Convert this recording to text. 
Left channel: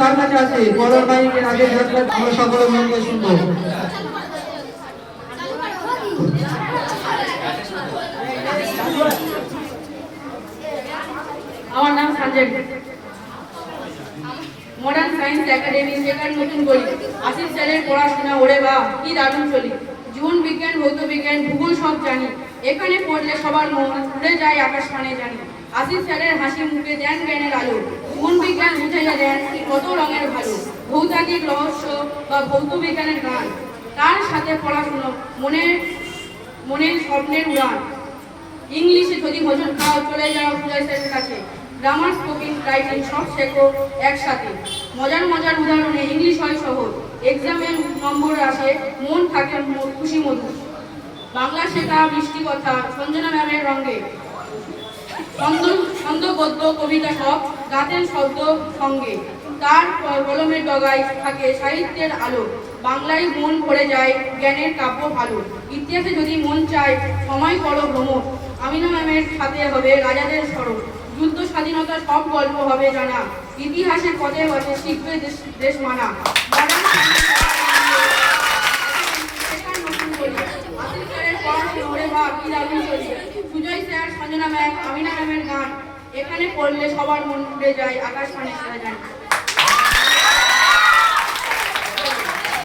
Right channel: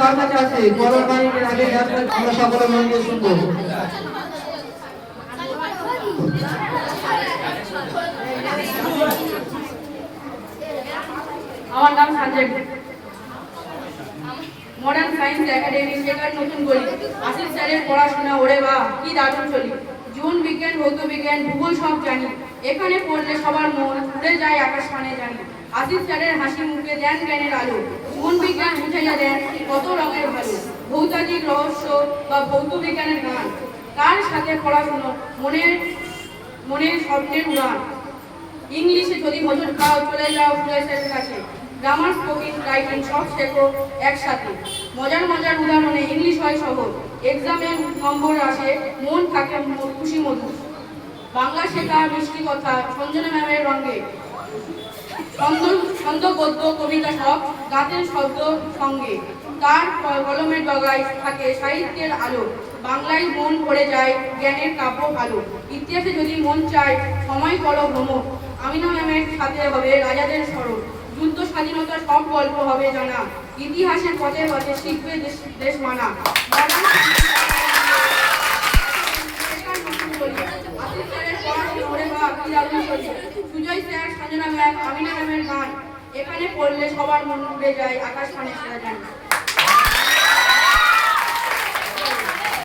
কার কাছে আছে। আগে আমরা আমার নাম সঞ্জয় মডার্ন সায়েন্স একাডেমি শেখার নতুন বই। আশিস স্যারের পড়াশোনা, ওরে বা কি দারুণ চলি। জীবন বিজ্ঞান ভৌত বিজ্ঞান ভূগোল সব জানি। এখানে পড়লে সবার মন উড়ে যায় আকাশ পানে জানি। আশিস স্যারের হাসি মুখে দেন জ্ঞানের আলো। জীবন বিজ্ঞান বুঝাইয়া দেন কত রঙের ভালো। ভৌতাদিক রহস্য বা ভৌত বিজ্ঞানের গান। তার সাথে পড়াশুনো, মনের মনের স্বপ্নের উড়ান। ইংলিশে যদি ভোজন খাও, চলে যাও স্যারের কাছে। গ্রামার স্পোকিং, রাইটিং সব শেখো একসাথে। মজার মজার উদাহরণে ইংলিশ হয় সহজ। এক্সামের নম্বর আসে, মন থাকে খুশি মধুর বাংলা শেখা, মিষ্টি কথা, সঞ্জনা ম্যামের রঙে। ছন্দ ছন্দ গদ্য কবিতা সব গাতেন শব্দ সঙ্গে। তার কলমের ডগায় থাকে সাহিত্যের আলো। বাংলায় মন পড়ে যায়, জ্ঞানের কাব্য ভালো। ইতিহাসে যদি মন চায়, সময় করো ভ্রমণ আমিনা ম্যামের সাথে হবে রাজাদের স্মরণ। যুদ্ধ স্বাধীনতা সব গল্প হবে জানা। ইতিহাসের পথে পথে শিখবে দেশ মানা। সুজয় স্যার গান এখানে পড়লে সবার মন উড়ে যায়, আকাশ পানি যায়